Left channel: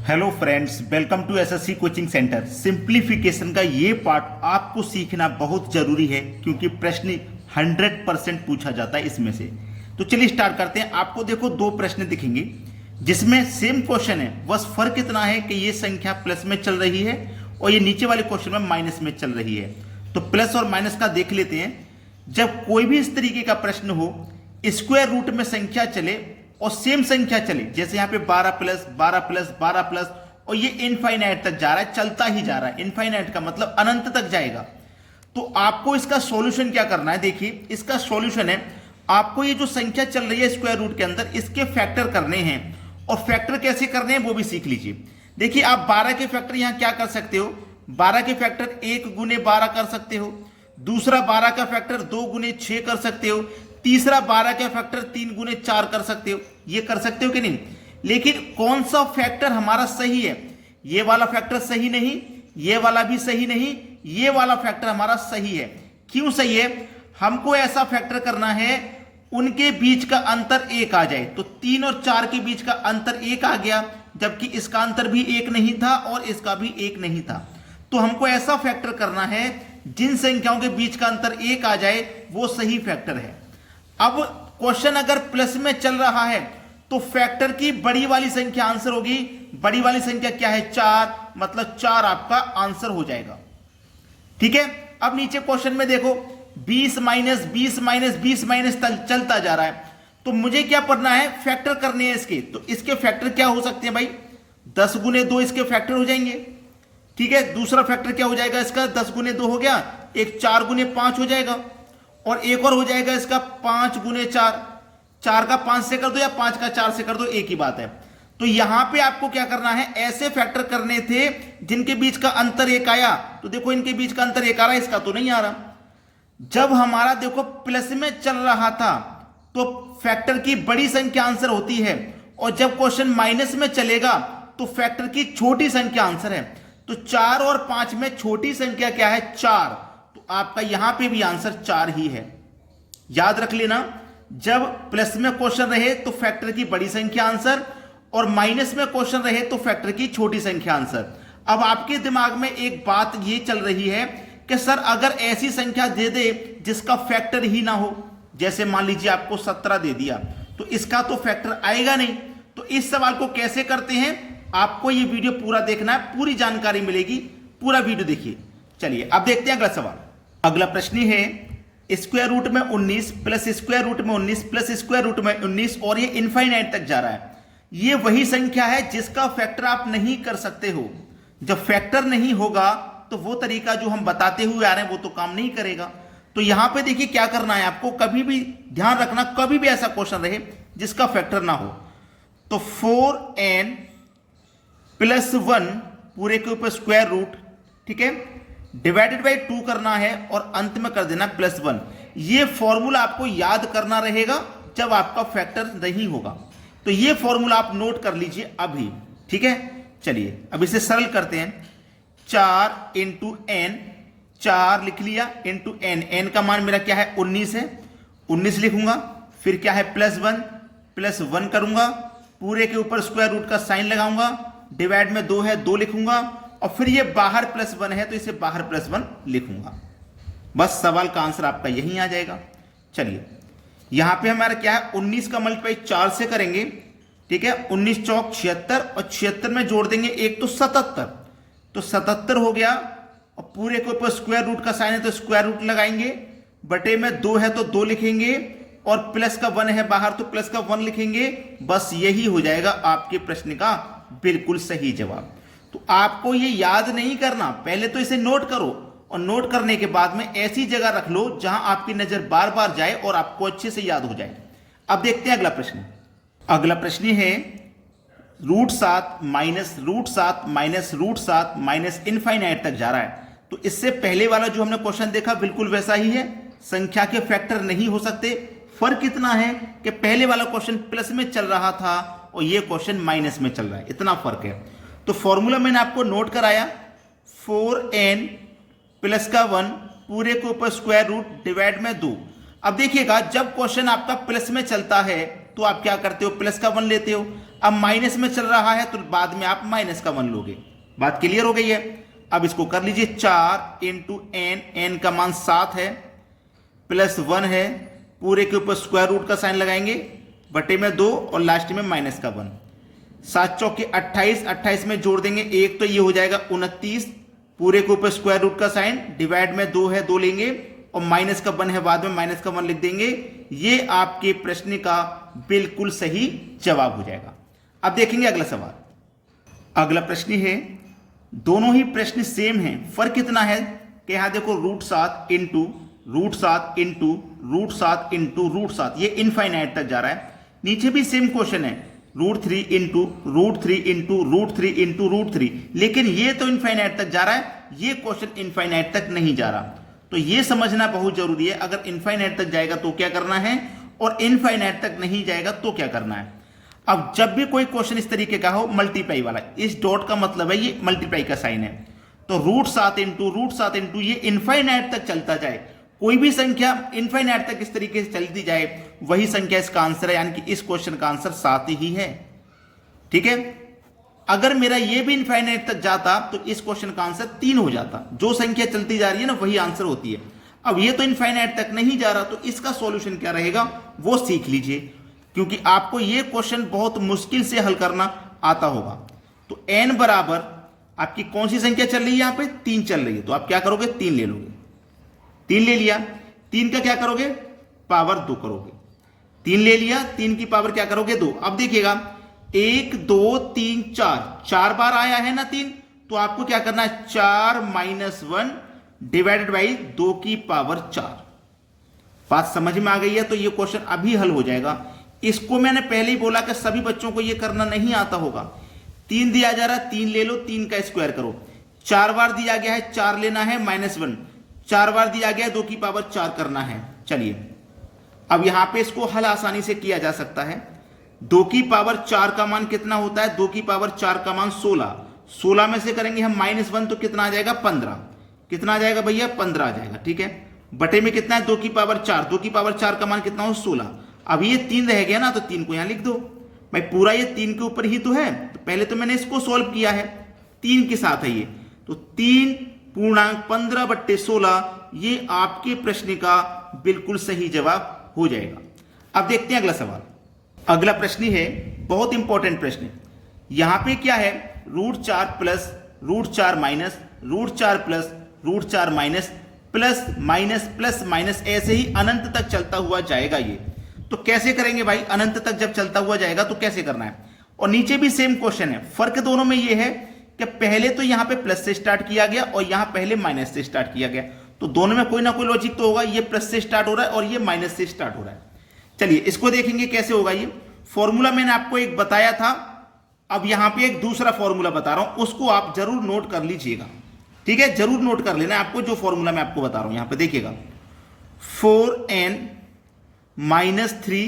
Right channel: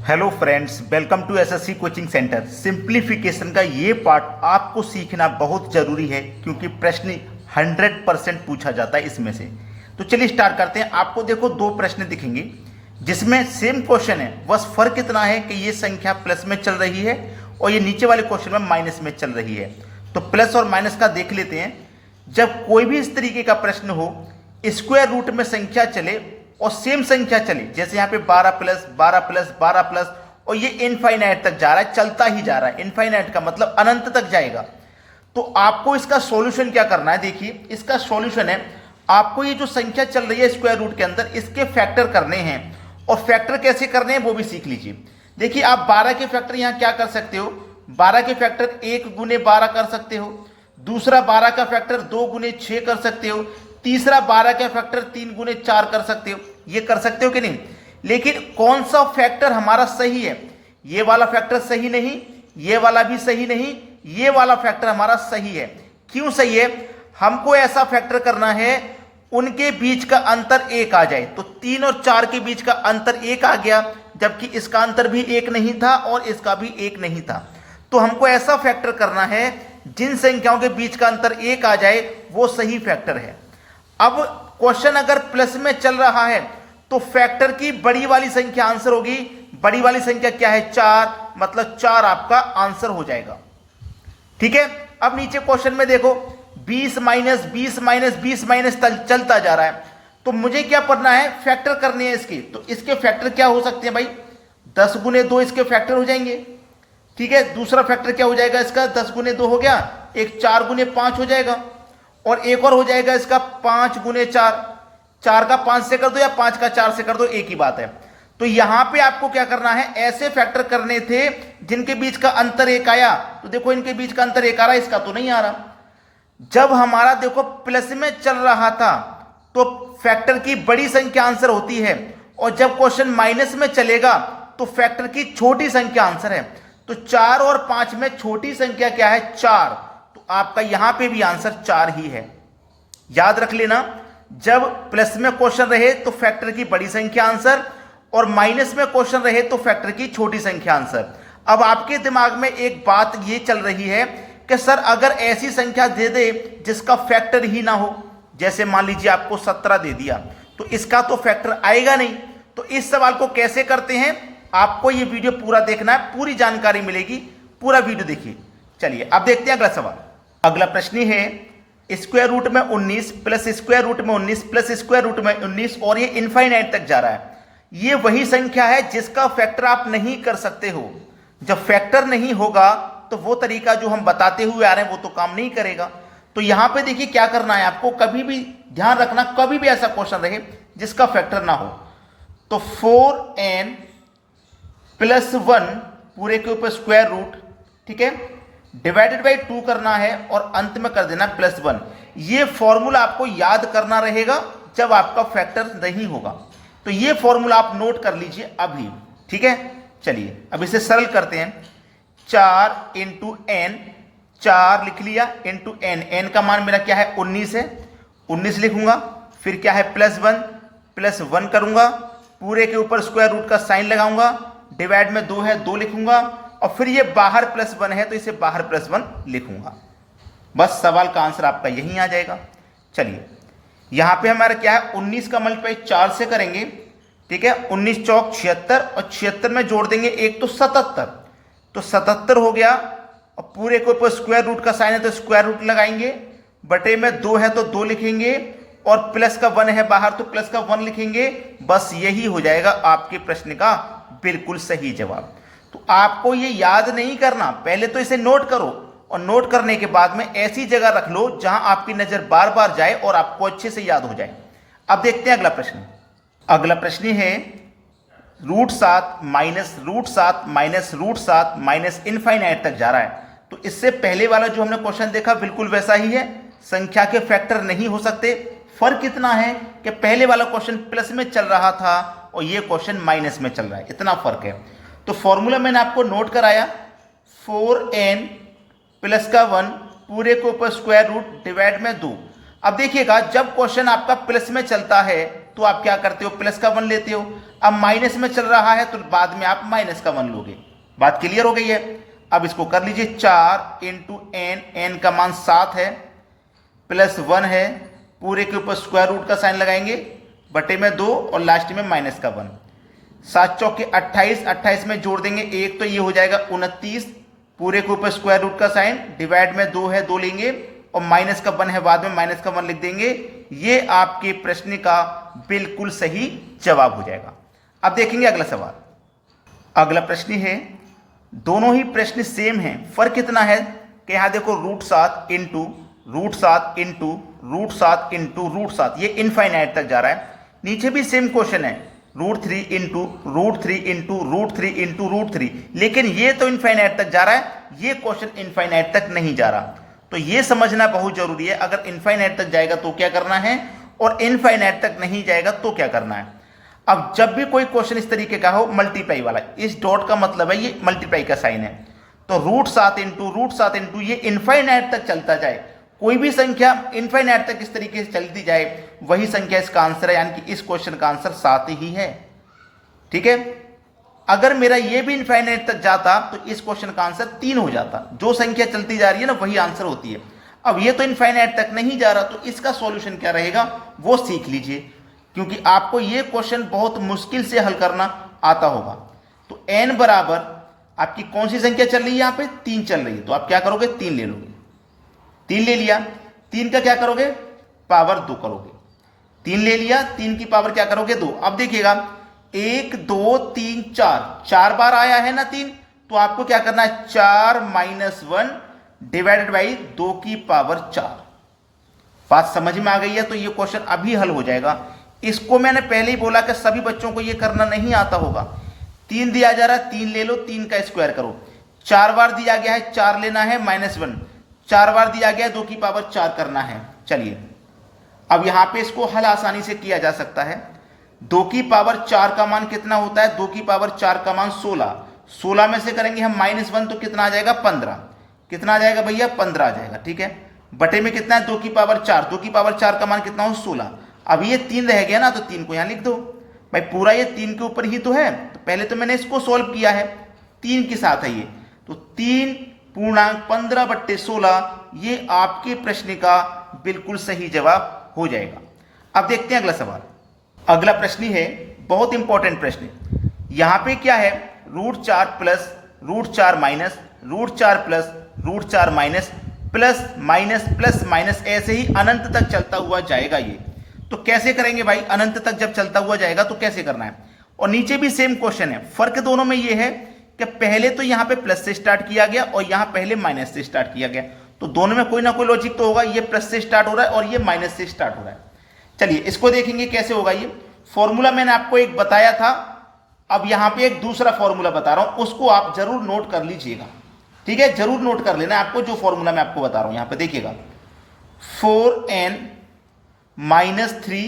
Hello friends, welcome to SSC coaching centre. Simplification का ये part आपको सीखना बहुत जरूरी है क्योंकि प्रश्न 100% पूछा जाता है इसमें से। तो चलिए स्टार्ट करते हैं। आपको देखो दो प्रश्न दिखेंगे जिसमें सेम क्वेश्चन है, बस फर्क इतना है कि ये संख्या प्लस में चल रही है और ये नीचे वाले क्वेश्चन में माइनस में चल रही है। तो प्लस और माइनस का देख लेते हैं। जब कोई भी इस तरीके का प्रश्न हो, स्क्वायर रूट में संख्या चले और सेम संख्या चले, जैसे यहां पे 12 प्लस 12 प्लस 12 प्लस और ये इनफाइनाइट तक जा रहा है, चलता ही जा रहा है। इनफाइनाइट का मतलब अनंत तक जाएगा। तो आपको इसका सॉल्यूशन क्या करना है? देखिए इसका सॉल्यूशन है, आपको ये जो संख्या चल रही है स्क्वायर रूट के अंदर, इसके फैक्टर करने हैं और फैक्टर कैसे करने हैं वो भी सीख लीजिए। देखिए आप 12 के फैक्टर यहां क्या कर सकते हो, 12 के फैक्टर 1 गुने 12 कर सकते हो, दूसरा 12 का फैक्टर 2 गुने 6 कर सकते हो, तीसरा 12 का फैक्टर 3 गुने 4 कर सकते हो। ये कर सकते हो कि नहीं? लेकिन कौन सा फैक्टर हमारा सही है? ये वाला फैक्टर सही नहीं, ये वाला भी सही नहीं, ये वाला फैक्टर हमारा सही है। क्यों सही है? हमको ऐसा फैक्टर करना है उनके बीच का अंतर 1 आ जाए। तो 3 और 4 के बीच का अंतर 1 आ गया, जबकि इसका अंतर भी 1 नहीं था और इसका भी 1 नहीं था। तो हमको ऐसा फैक्टर करना है जिन संख्याओं के बीच का अंतर 1 आ जाए वो सही फैक्टर है। अब क्वेश्चन अगर प्लस में चल रहा है तो फैक्टर की बड़ी वाली संख्या आंसर होगी। बड़ी वाली संख्या क्या है? 4, मतलब 4 आपका आंसर हो जाएगा। ठीक है। अब नीचे क्वेश्चन में देखो 20 माइनस 20 माइनस 20 माइनस चलता जा रहा है। तो मुझे क्या करना है? फैक्टर करने हैं इसके। तो इसके फैक्टर क्या हो सकते हैं भाई? 10 गुने 2 इसके फैक्टर हो जाएंगे। ठीक है। दूसरा फैक्टर क्या हो जाएगा इसका? 10 गुने 2 हो गया, एक 4 गुने 5 हो जाएगा और एक और हो जाएगा इसका 5 गुने 4। 4 का 5 से कर दो या 5 का 4 से कर दो, एक ही बात है। तो यहां पे आपको क्या करना है? ऐसे फैक्टर करने थे जिनके बीच का अंतर 1 आया। तो देखो इनके बीच का अंतर 1 आ रहा है, इसका तो नहीं आ रहा। जब हमारा देखो प्लस में चल रहा था तो फैक्टर की बड़ी संख्या आंसर होती है और जब क्वेश्चन माइनस में चलेगा तो फैक्टर की छोटी संख्या आंसर है। तो 4 और 5 में छोटी संख्या क्या है? 4। तो आपका यहां पे भी आंसर 4 ही है। याद रख लेना, जब प्लस में क्वेश्चन रहे तो फैक्टर की बड़ी संख्या आंसर और माइनस में क्वेश्चन रहे तो फैक्टर की छोटी संख्या आंसर। अब आपके दिमाग में एक बात ये चल रही है कि सर अगर ऐसी संख्या दे दे जिसका फैक्टर ही ना हो, जैसे मान लीजिए आपको 17 दे दिया, तो इसका तो फैक्टर आएगा नहीं। तो इस सवाल को कैसे करते हैं? आपको ये वीडियो पूरा देखना है, पूरी जानकारी मिलेगी, पूरा वीडियो देखिए। चलिए अब देखते हैं अगला सवाल। अगला प्रश्न है स्क्वायर रूट में 19 प्लस स्क्वायर रूट में 19 प्लस स्क्वायर रूट में 19 और ये इनफाइनाइट तक जा रहा है। ये वही संख्या है जिसका फैक्टर आप नहीं कर सकते हो। जब फैक्टर नहीं होगा तो वो तरीका जो हम बताते हुए आ रहे हैं वो तो काम नहीं करेगा। तो यहां पे देखिए क्या करना है आपको, कभी भी ध्यान रखना, कभी भी ऐसा क्वेश्चन रहे जिसका फैक्टर ना हो। तो 4n प्लस 1 पूरे के ऊपर स्क्वायर रूट, ठीक है, डिवाइडेड बाई 2 करना है और अंत में कर देना प्लस 1। ये फॉर्मूला आपको याद करना रहेगा जब आपका फैक्टर नहीं होगा। तो ये फॉर्मूला आप नोट कर लीजिए अभी। ठीक है। चलिए अब इसे सरल करते हैं। 4 इंटू एन, 4 लिख लिया, इंटू एन, एन का मान मेरा क्या है? 19 है, 19 लिखूंगा। फिर क्या है? प्लस 1 करूंगा, पूरे के ऊपर स्क्वायर रूट का साइन लगाऊंगा, डिवाइड में 2 है 2 लिखूंगा और फिर ये बाहर प्लस 1 है तो इसे बाहर प्लस 1 लिखूंगा। बस सवाल का आंसर आपका यही आ जाएगा। चलिए यहां पे हमारा क्या है? 19 का मल्टीप्लाई 4 से करेंगे। ठीक है। 19 चौक 76 और 76 में जोड़ देंगे एक तो 77, तो 77 हो गया और पूरे के ऊपर स्क्वायर रूट का साइन है तो स्क्वायर रूट लगाएंगे, बटे में 2 है तो 2 लिखेंगे और प्लस का 1 है बाहर तो प्लस का 1 लिखेंगे। बस यही हो जाएगा आपके प्रश्न का बिल्कुल सही जवाब। तो आपको ये याद नहीं करना, पहले तो इसे नोट करो और नोट करने के बाद में ऐसी जगह रख लो जहां आपकी नजर बार बार जाए और आपको अच्छे से याद हो जाए। अब देखते हैं अगला प्रश्न। अगला प्रश्न है √7 माइनस √7 माइनस √7 माइनस इनफाइनाइट तक जा रहा है। तो इससे पहले वाला जो हमने क्वेश्चन देखा बिल्कुल वैसा ही है, संख्या के फैक्टर नहीं हो सकते। फर्क इतना है कि पहले वाला क्वेश्चन प्लस में चल रहा था और ये क्वेश्चन माइनस में चल रहा है, इतना फर्क है। तो फॉर्मूला मैंने आपको नोट कराया, 4n प्लस का 1 पूरे के ऊपर स्क्वायर रूट डिवाइड में 2। अब देखिएगा जब क्वेश्चन आपका प्लस में चलता है तो आप क्या करते हो, प्लस का 1 लेते हो। अब माइनस में चल रहा है तो बाद में आप माइनस का 1 लोगे। बात क्लियर हो गई है। अब इसको कर लीजिए 4 इंटू एन, एन का मान 7 है, प्लस 1 है, पूरे के ऊपर स्क्वायर रूट का साइन लगाएंगे, बटे में 2 और लास्ट में माइनस का 1। 7 चौके 28, 28 में जोड़ देंगे 1 तो ये हो जाएगा 29, पूरे के ऊपर स्क्वायर रूट का साइन, डिवाइड में 2 है 2 लेंगे और माइनस का 1 है, बाद में माइनस का 1 लिख देंगे। ये आपके प्रश्न का बिल्कुल सही जवाब हो जाएगा। अब देखेंगे अगला सवाल। अगला प्रश्न है, दोनों ही प्रश्न सेम हैं, फर्क कितना है कि यहां देखो √7 इंटू √7 इंटू √7 इंटू √7, ये इनफाइनाइट तक जा रहा है। नीचे भी सेम क्वेश्चन है, √3 इंटू √3 इंटू √3 इंटू √3, लेकिन ये तो इनफाइनाइट तक जा रहा है, ये क्वेश्चन इनफाइनाइट तक नहीं जा रहा। तो ये समझना बहुत जरूरी है, अगर इनफाइनाइट तक जाएगा तो क्या करना है और इनफाइनाइट तक नहीं जाएगा तो क्या करना है। अब जब भी कोई क्वेश्चन इस तरीके का हो मल्टीप्लाई वाला, इस डॉट का मतलब है ये मल्टीप्लाई का साइन है, तो √7 इंटू ये इनफाइनाइट तक चलता जाए, कोई भी संख्या इनफाइनाइट तक इस तरीके से चलती जाए, वही संख्या इसका आंसर है, यानी कि इस क्वेश्चन का आंसर 7 ही है। ठीक है, अगर मेरा ये भी इनफाइनाइट तक जाता तो इस क्वेश्चन का आंसर 3 हो जाता। जो संख्या चलती जा रही है ना वही आंसर होती है। अब ये तो इनफाइनाइट तक नहीं जा रहा, तो इसका सॉल्यूशन क्या रहेगा वो सीख लीजिए, क्योंकि आपको ये क्वेश्चन बहुत मुश्किल से हल करना आता होगा। तो n बराबर आपकी कौन सी संख्या चल रही है, यहां पे 3 चल रही है, तो आप क्या करोगे 3 ले लोगे। 3 ले लिया, 3 का क्या करोगे पावर 2 करोगे। 3 ले लिया, 3 की पावर क्या करोगे 2। अब देखिएगा 1 2 3 4, 4 बार आया है ना 3, तो आपको क्या करना है 4 - 1 डिवाइडेड बाई 2 की पावर 4। बात समझ में आ गई है, तो ये क्वेश्चन अभी हल हो जाएगा। इसको मैंने पहले ही बोला कि सभी बच्चों को ये करना नहीं आता होगा। 3 दिया जा रहा है, 3 ले लो, 3 का स्क्वायर करो। 4 बार दिया गया है, 4 लेना है -1, 4 बार दिया गया है 2 की पावर 4 करना है। चलिए अब यहां पे इसको हल आसानी से किया जा सकता है। 2 की पावर 4 का मान कितना होता है, 2 की पावर 4 का मान 16, 16 में से करेंगे हम -1 तो कितना आ जाएगा 15, कितना आ जाएगा भैया 15 आ जाएगा। ठीक है, बटे में कितना है 2 की पावर 4, 2 की पावर 4 का मान कितना हो 16। अब ये 3 रह गया ना, तो 3 को यहां लिख दो भाई, पूरा ये 3 के ऊपर ही तो है, तो पहले तो मैंने इसको सॉल्व किया है, 3 के साथ है ये, तो 3 पूर्णांक 15/16 ये आपके प्रश्न का बिल्कुल सही जवाब हो जाएगा। अब देखते हैं अगला सवाल। अगला प्रश्न है बहुत इंपॉर्टेंट प्रश्न। यहां पे क्या है √4 plus √4 minus √4 plus √4 minus plus minus plus minus, ऐसे ही अनंत तक चलता हुआ जाएगा। ये तो कैसे करेंगे भाई, अनंत तक जब चलता हुआ जाएगा तो कैसे करना है। और नीचे भी सेम क्वेश्चन है, फर्क दोनों में ये है कि पहले तो यहां पे प्लस से स्टार्ट किया गया और यहां पहले माइनस से स्टार्ट किया गया, तो दोनों में कोई ना कोई लॉजिक तो होगा। ये प्लस से स्टार्ट हो रहा है और ये माइनस से स्टार्ट हो रहा है। चलिए इसको देखेंगे कैसे होगा। ये फॉर्मूला मैंने आपको एक बताया था, अब यहां पे एक दूसरा फॉर्मूला बता रहा हूं, उसको आप जरूर नोट कर लीजिएगा। ठीक है, जरूर नोट कर लेना आपको जो फॉर्मूला मैं आपको बता रहा हूं। यहां पे देखिएगा 4n - 3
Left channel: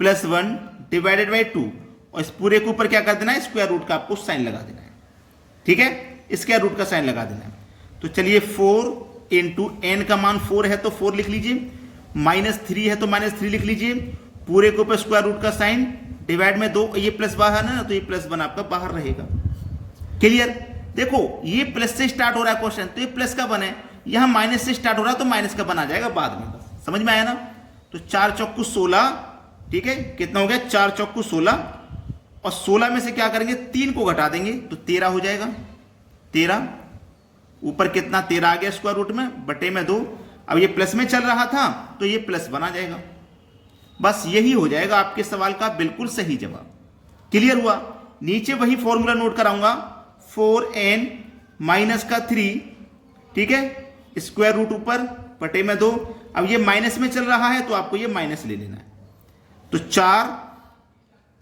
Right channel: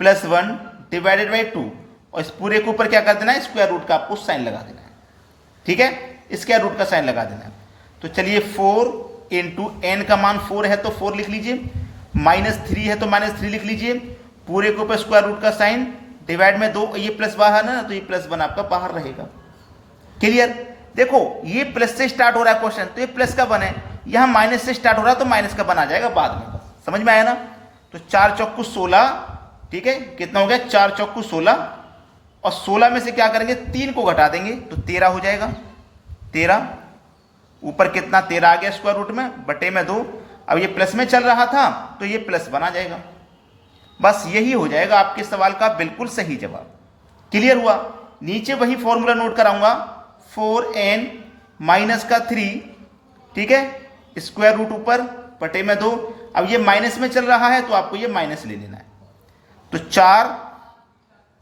+ 1 डिवाइडेड बाई 2, और इस पूरे के ऊपर क्या कर देना है स्क्वायर रूट का आपको साइन लगा देना है। ठीक है, स्क्वायर रूट का साइन लगा देना है। तो चलिए 4 इंटू n का मान 4 है तो 4 लिख लीजिए, -3 है तो -3 लिख लीजिए, पूरे के ऊपर स्क्वायर रूट का साइन डिवाइड में 2, ये प्लस बाहर है ना, तो ये +1 आपका बाहर रहेगा। क्लियर, देखो ये प्लस से स्टार्ट हो रहा है क्वेश्चन, तो ये प्लस का 1 है, यहां माइनस से स्टार्ट हो रहा है तो माइनस का 1 आ जाएगा बाद में। बस समझ में आया ना। तो 4 चौकू 16, ठीक है, कितना हो गया 4 चौकू 16, और 16 में से क्या करेंगे 3 को घटा देंगे तो 13 हो जाएगा। 13 ऊपर कितना 13 आ गया स्क्वायर रूट में, बटे में 2, अब ये प्लस में चल रहा था तो ये +1 आ जाएगा। बस यही हो जाएगा आपके सवाल का बिल्कुल सही जवाब। क्लियर हुआ। नीचे वही फॉर्मूला नोट कराऊंगा, 4n - 3, ठीक है, स्क्वायर रूट ऊपर बटे में 2, अब ये माइनस में चल रहा है तो आपको ये माइनस ले लेना है। तो 4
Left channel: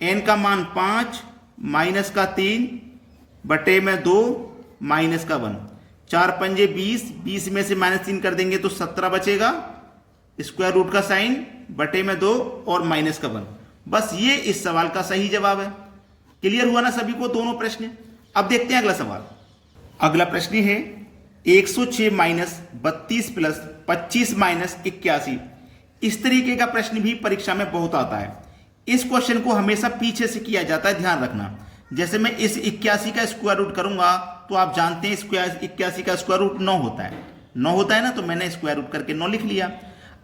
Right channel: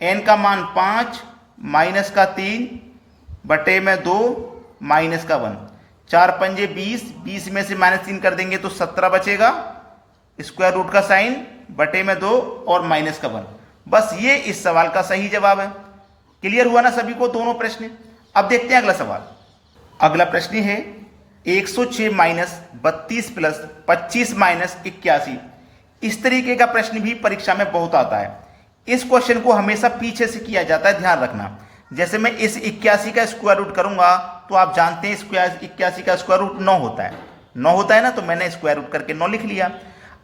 n का मान 5 - 3 बटे में 2 -1, 4 पंजे 20, 20 में से -3 कर देंगे तो 17 बचेगा, स्क्वायर रूट का साइन बटे में 2 और -1। बस ये इस सवाल का सही जवाब है। क्लियर हुआ ना सभी को दोनों प्रश्न। अब देखते हैं अगला सवाल। अगला प्रश्न है 106 - 32 + 25 - 81। इस तरीके का प्रश्न भी परीक्षा में बहुत आता है। इस क्वेश्चन को हमेशा पीछे से किया जाता है, ध्यान रखना। जैसे मैं इस 81 का स्क्वायर रूट करूंगा तो आप जानते हैं 81 का स्क्वायर रूट 9 होता है, 9 होता है ना, तो मैंने स्क्वायर रूट करके 9 लिख लिया।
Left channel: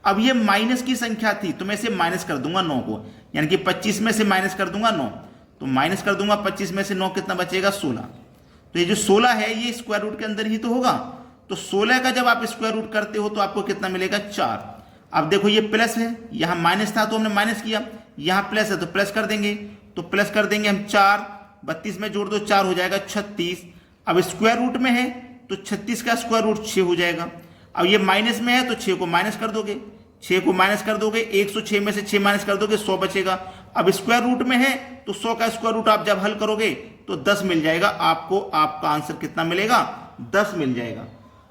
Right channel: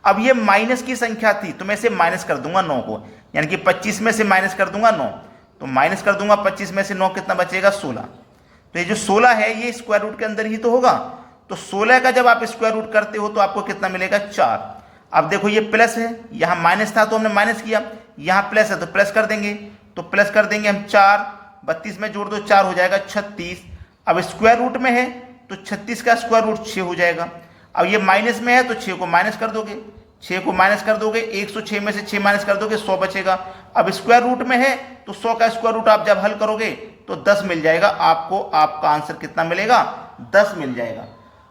अब ये माइनस की संख्या थी तो मैं इसे माइनस कर दूंगा 9 को, यानी कि 25 में से माइनस कर दूंगा 9, तो माइनस कर दूंगा 25 में से 9, कितना बचेगा 16। तो ये जो 16 है ये स्क्वायर रूट के अंदर ही तो होगा, तो 16 का जब आप स्क्वायर रूट करते हो तो आपको कितना मिलेगा 4। अब देखो ये प्लस है, यहां माइनस था तो हमने माइनस किया, यहां प्लस है तो प्लस कर देंगे, तो प्लस कर देंगे हम 4, 32 में जोड़ दो 4 हो जाएगा 36। अब स्क्वायर रूट में है तो 36 का स्क्वायर रूट 6 हो जाएगा। अब ये माइनस में है तो 6 को माइनस कर दोगे, 6 को माइनस कर दोगे, 106 में से 6 माइनस कर दोगे 100 बचेगा। अब स्क्वायर रूट में है तो 100 का स्क्वायर रूट आप जब हल करोगे तो 10 मिल जाएगा आपको, आपका आंसर कितना मिलेगा 10 मिल जाएगा।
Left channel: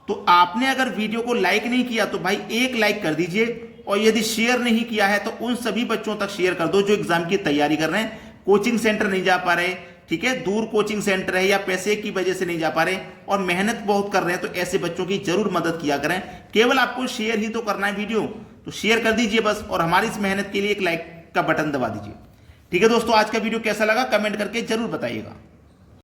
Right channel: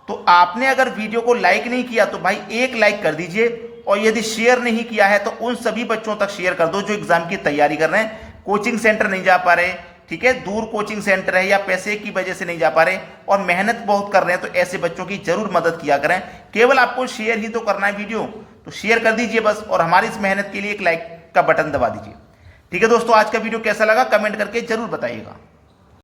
तो आपने अगर वीडियो को लाइक नहीं किया तो भाई एक लाइक कर दीजिए, और यदि शेयर नहीं किया है तो उन सभी बच्चों तक शेयर कर दो जो एग्जाम की तैयारी कर रहे हैं, कोचिंग सेंटर नहीं जा पा रहे, ठीक है, दूर कोचिंग सेंटर है या पैसे की वजह से नहीं जा पा रहे और मेहनत बहुत कर रहे हैं, तो ऐसे बच्चों की जरूर मदद किया करें। केवल आपको शेयर ही तो करना है वीडियो, तो शेयर कर दीजिए बस, और हमारी इस मेहनत के लिए एक लाइक का बटन दबा दीजिए। ठीक है दोस्तों, आज का वीडियो कैसा लगा कमेंट करके जरूर बताइएगा।